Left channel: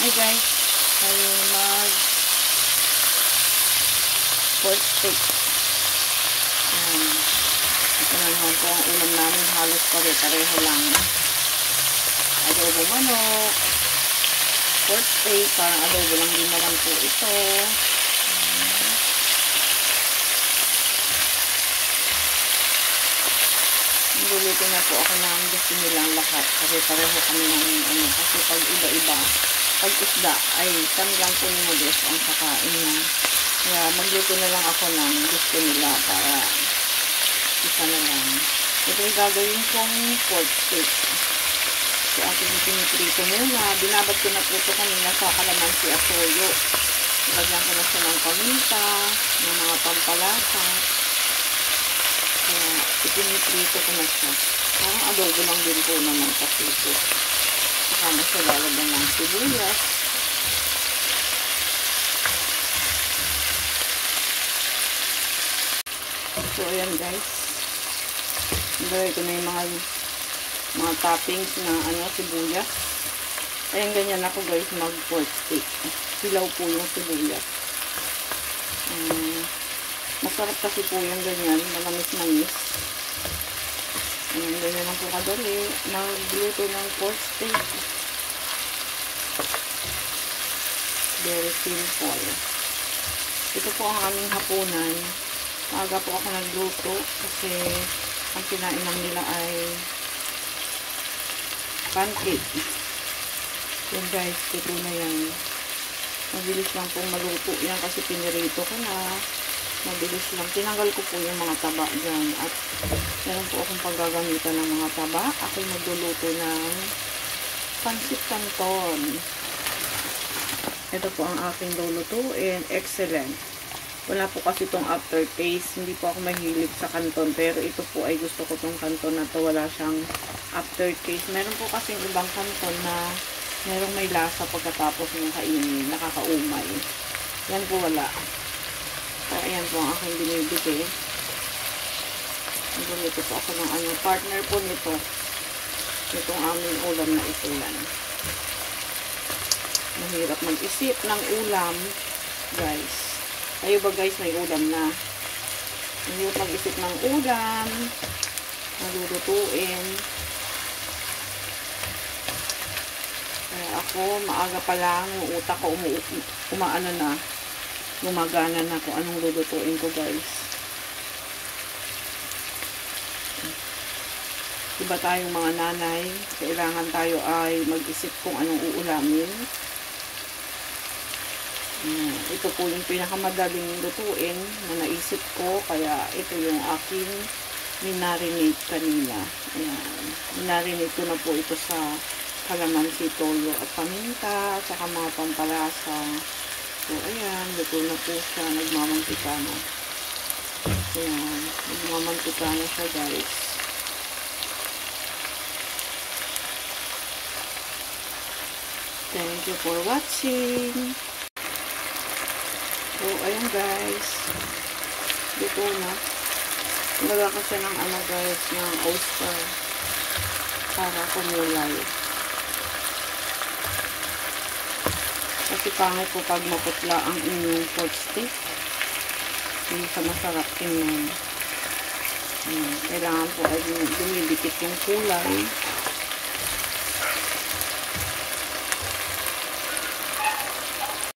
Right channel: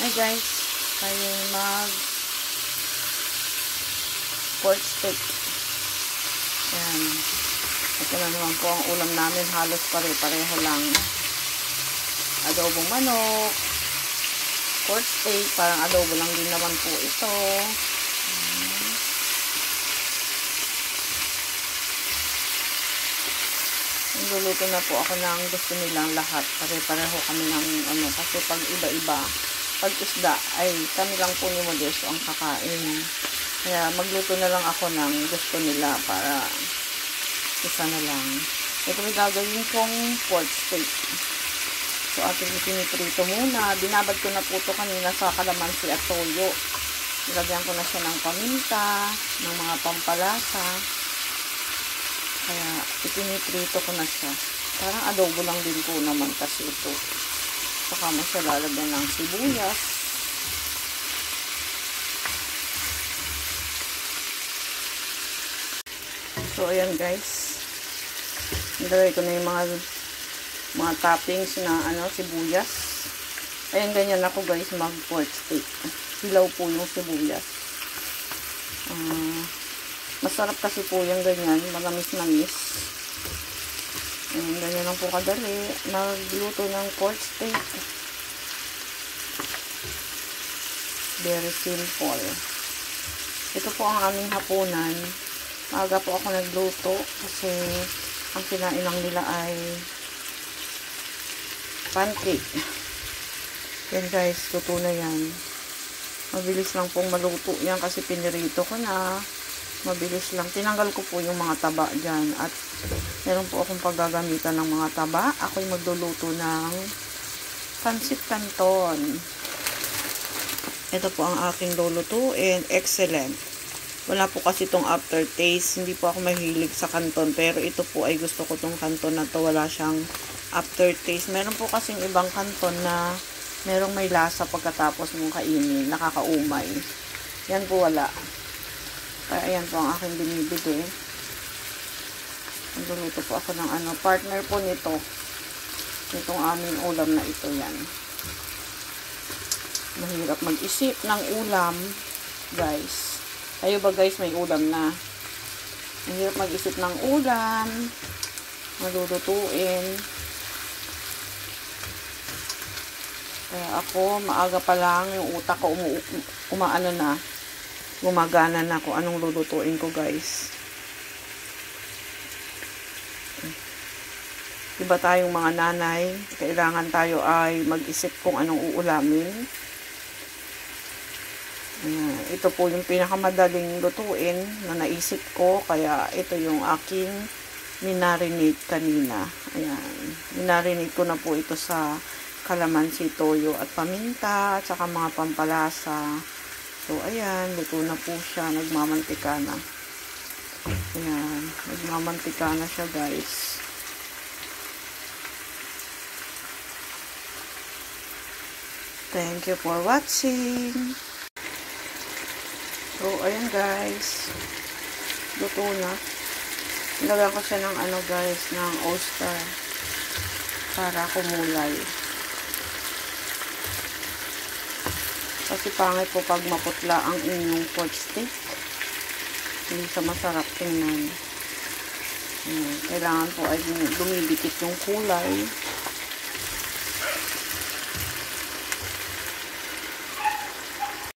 Hi guys, tayo mag pork steak. Ayan. Ito na naman po ang ulam namin, halos pare-pareho lang. Adobo manok, pork steak, parang adobo lang din naman po ito. Niluluto na po ako ng gusto nilang lahat. Pare-pareho kami ng kasi pag iba-iba, pag isda ay kami lang po ni Modesto ang kakain. Kaya magluto na lang ako ng gusto nila para isa na lang. Ito yung gagawin kong pork steak. So ating piniprito muna. Binabad ko na po ito kanina sa kalamansi at toyo. Lagyan ko na siya ng paminta, ng mga pampalasa. Kaya ipiniprito ko na siya. Parang adobo lang din po naman kasi ito. Saka mo siya lalagyan ng sibuyas. So ayan guys. Nilagay ko na yung mga toppings na sibuyas. Ayan, ganyan ako guys mag pork steak. Hilaw po yung sibuyas. Masarap kasi po yung ganyan, malamis-namis. Ayan, ganyan lang po kadali magluto ng pork steak. Very simple. Ito po ang aming hapunan. Maaga po ako nagluto kasi ang kinain lang nila ay pancake. Yan guys, luto na yan. Mabilis lang pong maluto yan kasi pinirito ko na. Mabilis lang. Tinanggal ko po yung mga taba dyan. At meron po akong paggagamitan ng mga taba. Ako'y magluluto ng pancit canton. Ito po ang aking lulutuin. Excellent. Wala po kasi itong aftertaste. Hindi po ako mahilig sa canton. Pero ito po ay gusto ko itong canton na to. Wala siyang aftertaste. Meron po kasing ibang canton na merong may lasa pagkatapos mong kainin. Nakakaumay. Yan po wala. Kaya ayan po ang aking binibigay. Nagulito po ako ng partner po nito. Itong aming ulam na ito yan. Mahirap mag-isip ng ulam, guys. Kayo ba guys may ulam na? Mahirap mag-isip ng ulam. Malulutuin. Kaya ako, maaga pa lang, yung utak ko umaano na. Gumagana na kung anong lulutuin ko guys. Diba tayong mga nanay, kailangan tayo ay mag-isip kung anong uulamin. Ito po yung pinakamadaling lutuin na naisip ko, kaya ito yung aking minarinate kanina. Ayan, minarinate ko na po ito sa kalamansi, toyo at paminta at saka mga pampalasa. So, ayan, luto na po siya. Nagmamantika na. Ayan, nagmamantika na siya, guys. Thank you for watching. So, ayan, guys. Luto na. Nilagyan ko siya ng guys, ng oyster. Para kumulay. Kasi pangit po pag maputla ang inyong pork steak. Hindi siya masarap tingnan. Kailangan po ay dumidikit yung kulay.